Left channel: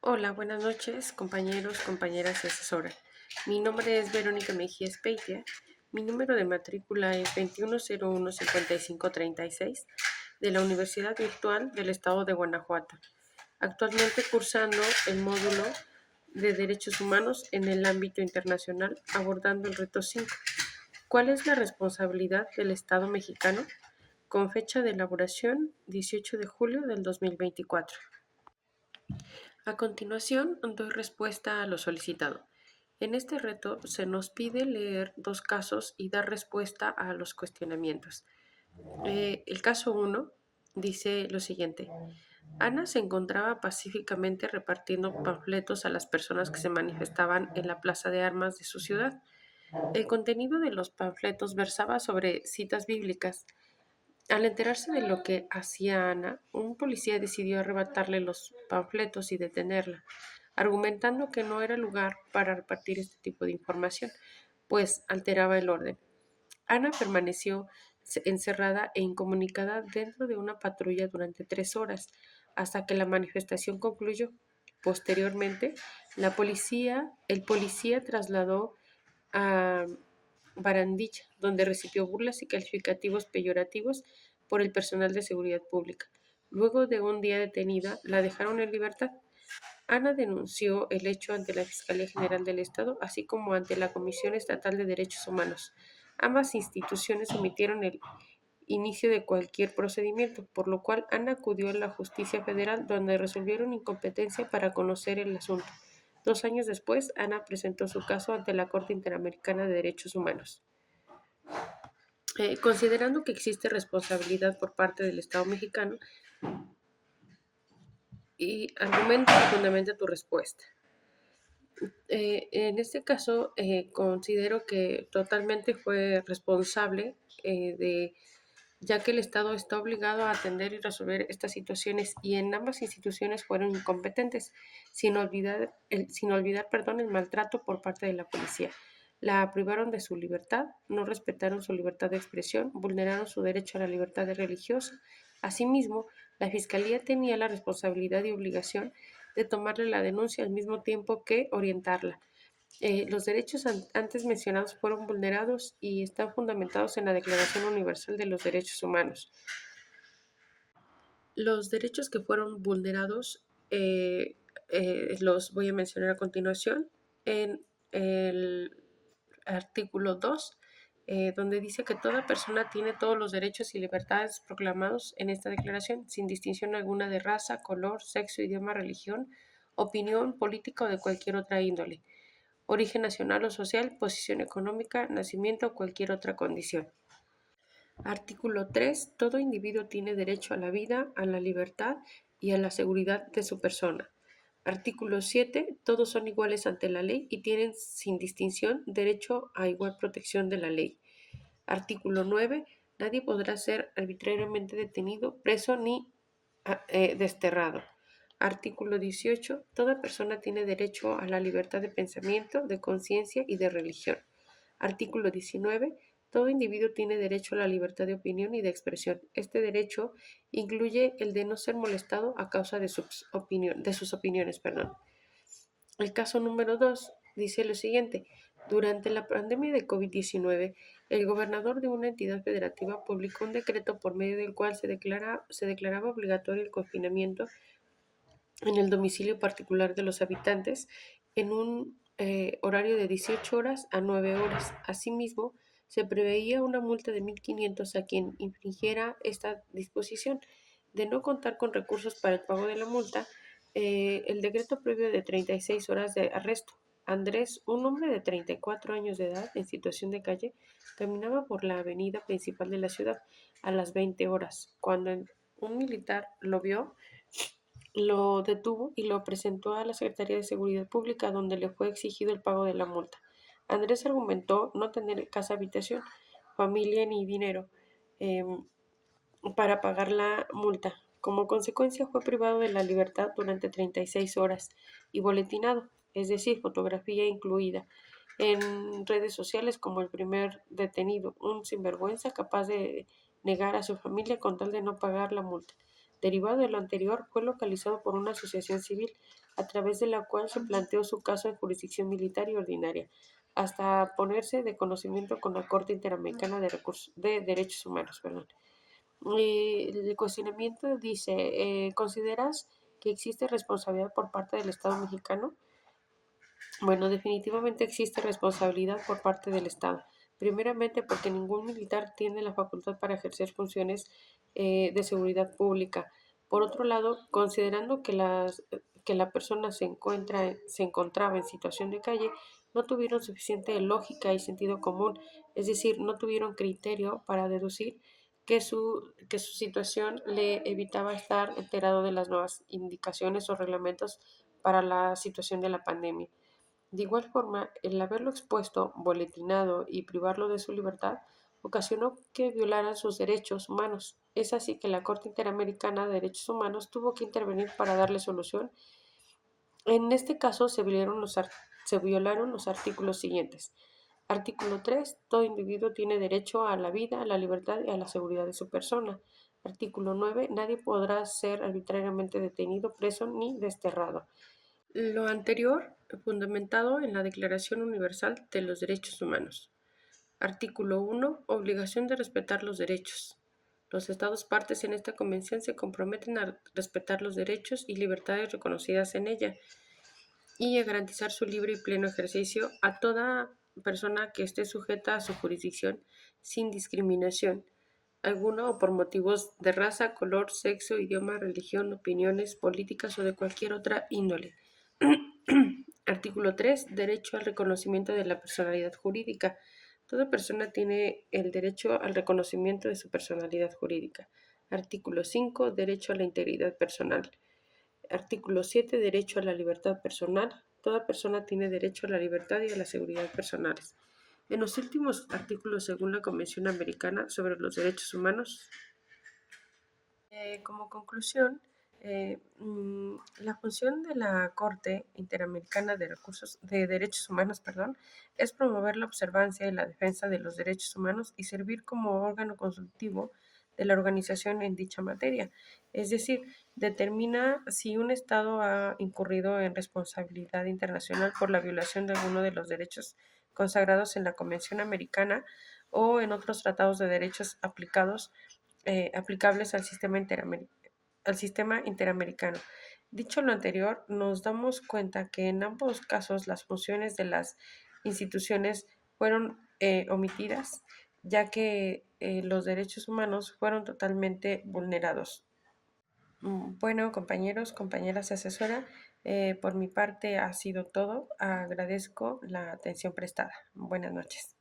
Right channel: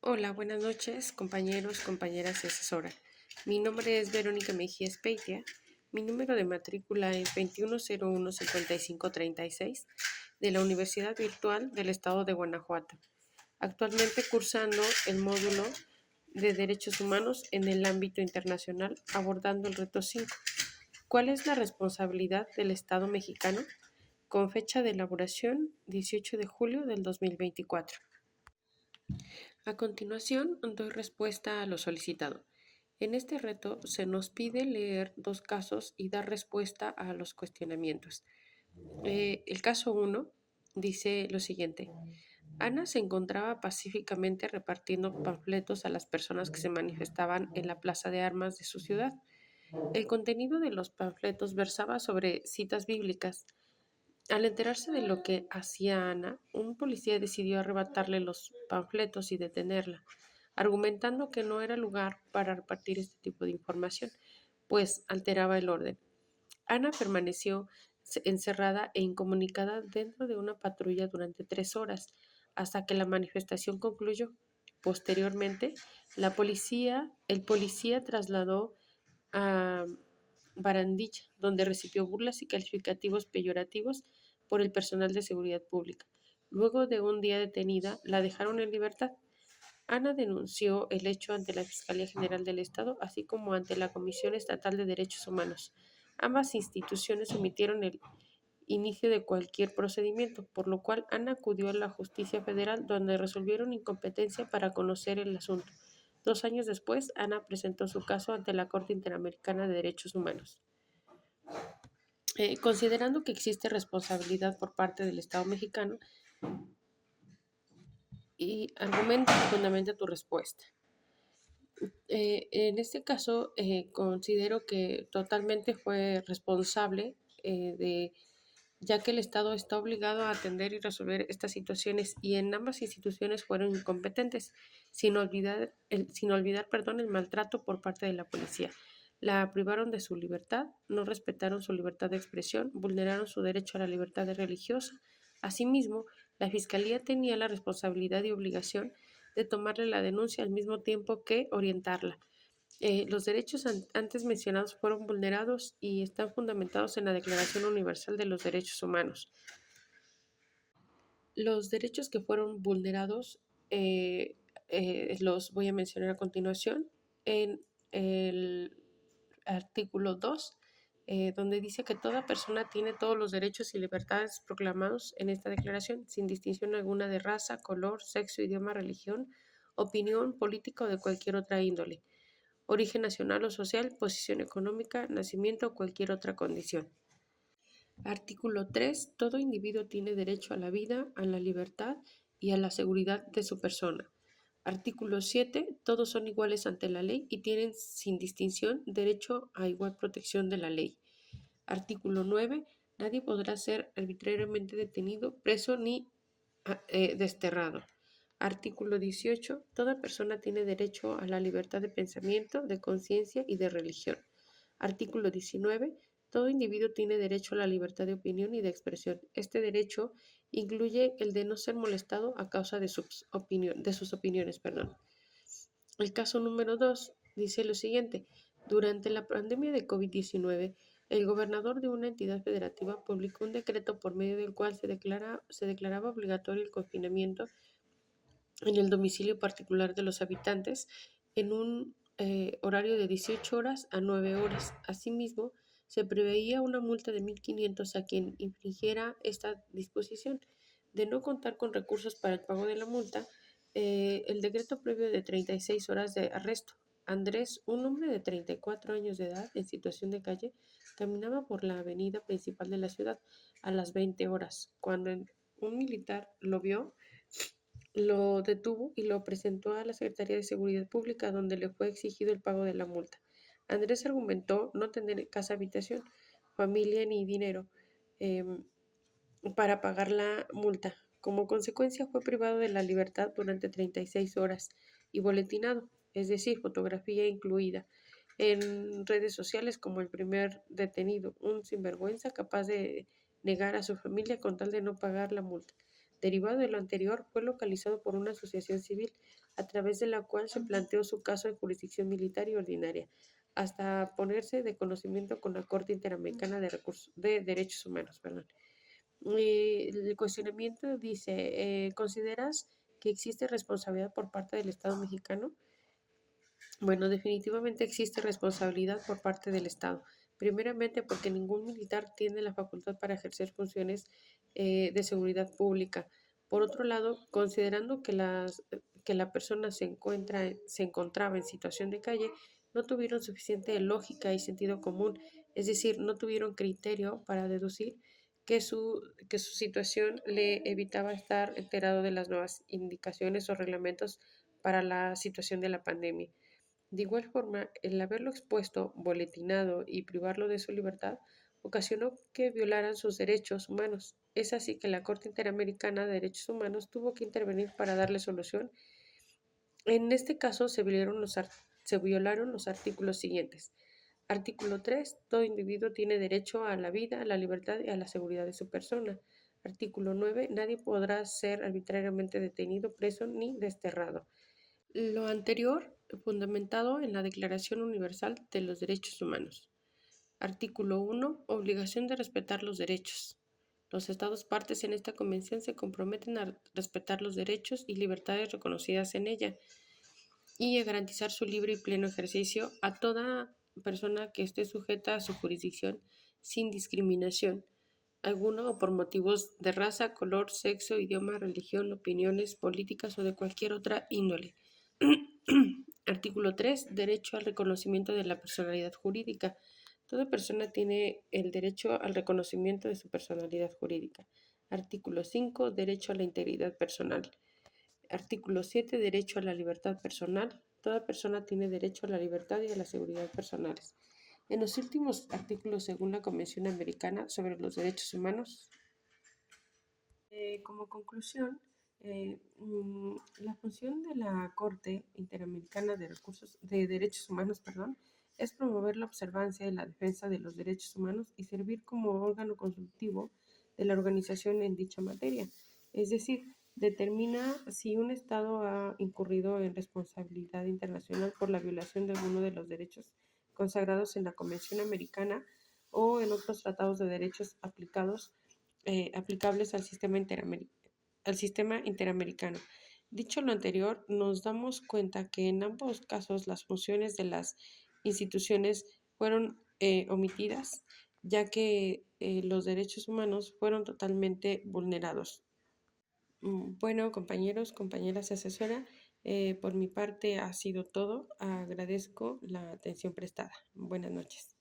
Hola, buenas noches, compañeros, compañeras y asesora. Mi nombre es Verónica Mejía Espeitia. Mi número de matrícula es 2101-5536 de la Universidad Virtual del Estado de Guanajuato. Actualmente cursando el módulo de Derechos Humanos en el ámbito internacional, abordando el reto 5. ¿Cuál es la responsabilidad del Estado mexicano? Con fecha de elaboración 18 de julio del 2024. A continuación, doy respuesta a lo solicitado. En este reto se nos pide leer dos casos y dar respuesta a los cuestionamientos. El caso 1 dice lo siguiente. Ana se encontraba pacíficamente repartiendo panfletos a las personas que se manifestaban en la plaza de armas de su ciudad. El contenido de los panfletos versaba sobre citas bíblicas. Al enterarse de lo que hacía Ana, un policía decidió arrebatarle los panfletos y detenerla, argumentando que no era lugar para repartir este tipo de información, pues alteraba el orden. Ana permaneció encerrada e incomunicada dentro de una patrulla durante 3 horas, hasta que la manifestación concluyó. Posteriormente, el policía trasladó a Barandilla, donde recibió burlas y calificativos peyorativos por el personal de seguridad pública. Luego de un día detenida, la dejaron en libertad. Ana denunció el hecho ante la Fiscalía General del Estado, así como ante la Comisión Estatal de Derechos Humanos. Ambas instituciones omitieron el inicio de cualquier procedimiento, por lo cual Ana acudió a la Justicia Federal, donde resolvieron incompetencia para conocer el asunto. 2 años después, Ana presentó su caso ante la Corte Interamericana de Derechos Humanos. Considerando que existe responsabilidad por parte del Estado mexicano, y argumenta y fundamenta tu respuesta. En este caso, considero que totalmente fue responsable ya que el Estado está obligado a atender y resolver estas situaciones y en ambas instituciones fueron incompetentes, sin olvidar el maltrato por parte de la policía. La privaron de su libertad, no respetaron su libertad de expresión, vulneraron su derecho a la libertad religiosa. Asimismo, la Fiscalía tenía la responsabilidad y obligación de tomarle la denuncia al mismo tiempo que orientarla. Los derechos antes mencionados fueron vulnerados y están fundamentados en la Declaración Universal de los Derechos Humanos. Los derechos que fueron vulnerados los voy a mencionar a continuación en el artículo 2, donde dice que toda persona tiene todos los derechos y libertades proclamados en esta declaración, sin distinción alguna de raza, color, sexo, idioma, religión, opinión política o de cualquier otra índole, origen nacional o social, posición económica, nacimiento o cualquier otra condición. Artículo 3. Todo individuo tiene derecho a la vida, a la libertad y a la seguridad de su persona. Artículo 7. Todos son iguales ante la ley y tienen sin distinción derecho a igual protección de la ley. Artículo 9. Nadie podrá ser arbitrariamente detenido, preso ni desterrado. Artículo 18. Toda persona tiene derecho a la libertad de pensamiento, de conciencia y de religión. Artículo 19. Todo individuo tiene derecho a la libertad de opinión y de expresión. Este derecho incluye el de no ser molestado a causa de sus opiniones. El caso número 2 dice lo siguiente. Durante la pandemia de COVID-19, el gobernador de una entidad federativa publicó un decreto por medio del cual se declaraba obligatorio el confinamiento en el domicilio particular de los habitantes en un horario de 18 horas a 9 horas. Asimismo, se preveía una multa de 1.500 a quien infringiera esta disposición. De no contar con recursos para el pago de la multa, el decreto previo de 36 horas de arresto. Andrés, un hombre de 34 años de edad en situación de calle, caminaba por la avenida principal de la ciudad a las 20 horas. Cuando un militar lo vio, lo detuvo y lo presentó a la Secretaría de Seguridad Pública, donde le fue exigido el pago de la multa. Andrés argumentó no tener casa habitación, familia ni dinero eh, para pagar la multa. Como consecuencia fue privado de la libertad durante 36 horas y boletinado, es decir, fotografía incluida, en redes sociales como el primer detenido, un sinvergüenza capaz de negar a su familia con tal de no pagar la multa. Derivado de lo anterior, fue localizado por una asociación civil, a través de la cual se planteó su caso en jurisdicción militar y ordinaria, hasta ponerse de conocimiento con la Corte Interamericana de Derechos Humanos. Perdón. El cuestionamiento dice, ¿consideras que existe responsabilidad por parte del Estado mexicano? Bueno, definitivamente existe responsabilidad por parte del Estado. Primeramente porque ningún militar tiene la facultad para ejercer funciones de seguridad pública. Por otro lado, considerando que la persona se encontraba en situación de calle, no tuvieron suficiente lógica y sentido común, es decir, no tuvieron criterio para deducir que su situación le evitaba estar enterado de las nuevas indicaciones o reglamentos para la situación de la pandemia. De igual forma, el haberlo expuesto, boletinado y privarlo de su libertad ocasionó que violaran sus derechos humanos. Es así que la Corte Interamericana de Derechos Humanos tuvo que intervenir para darle solución. En este caso se violaron los artículos siguientes. Artículo 3. Todo individuo tiene derecho a la vida, a la libertad y a la seguridad de su persona. Artículo 9. Nadie podrá ser arbitrariamente detenido, preso ni desterrado. Lo anterior, fundamentado en la Declaración Universal de los Derechos Humanos. Artículo 1. Obligación de respetar los derechos. Los Estados partes en esta convención se comprometen a respetar los derechos y libertades reconocidas en ella y a garantizar su libre y pleno ejercicio a toda persona que esté sujeta a su jurisdicción sin discriminación alguna o por motivos de raza, color, sexo, idioma, religión, opiniones políticas o de cualquier otra índole. Artículo 3. Derecho al reconocimiento de la personalidad jurídica. Toda persona tiene el derecho al reconocimiento de su personalidad jurídica. Artículo 5. Derecho a la integridad personal. Artículo 7. Derecho a la libertad personal. Toda persona tiene derecho a la libertad y a la seguridad personales. En los últimos artículos, según la Convención Americana sobre los Derechos Humanos, como conclusión, la función de la Corte Interamericana de Derechos Humanos, es promover la observancia y la defensa de los derechos humanos y servir como órgano consultivo de la organización en dicha materia. Es decir, determina si un Estado ha incurrido en responsabilidad internacional por la violación de alguno de los derechos consagrados en la Convención Americana o en otros tratados de derechos aplicables al sistema interamericano. Dicho lo anterior, nos damos cuenta que en ambos casos las funciones de las instituciones fueron omitidas, ya que los derechos humanos fueron totalmente vulnerados. Bueno, compañeros, compañeras asesora, por mi parte ha sido todo. Agradezco la atención prestada. Buenas noches.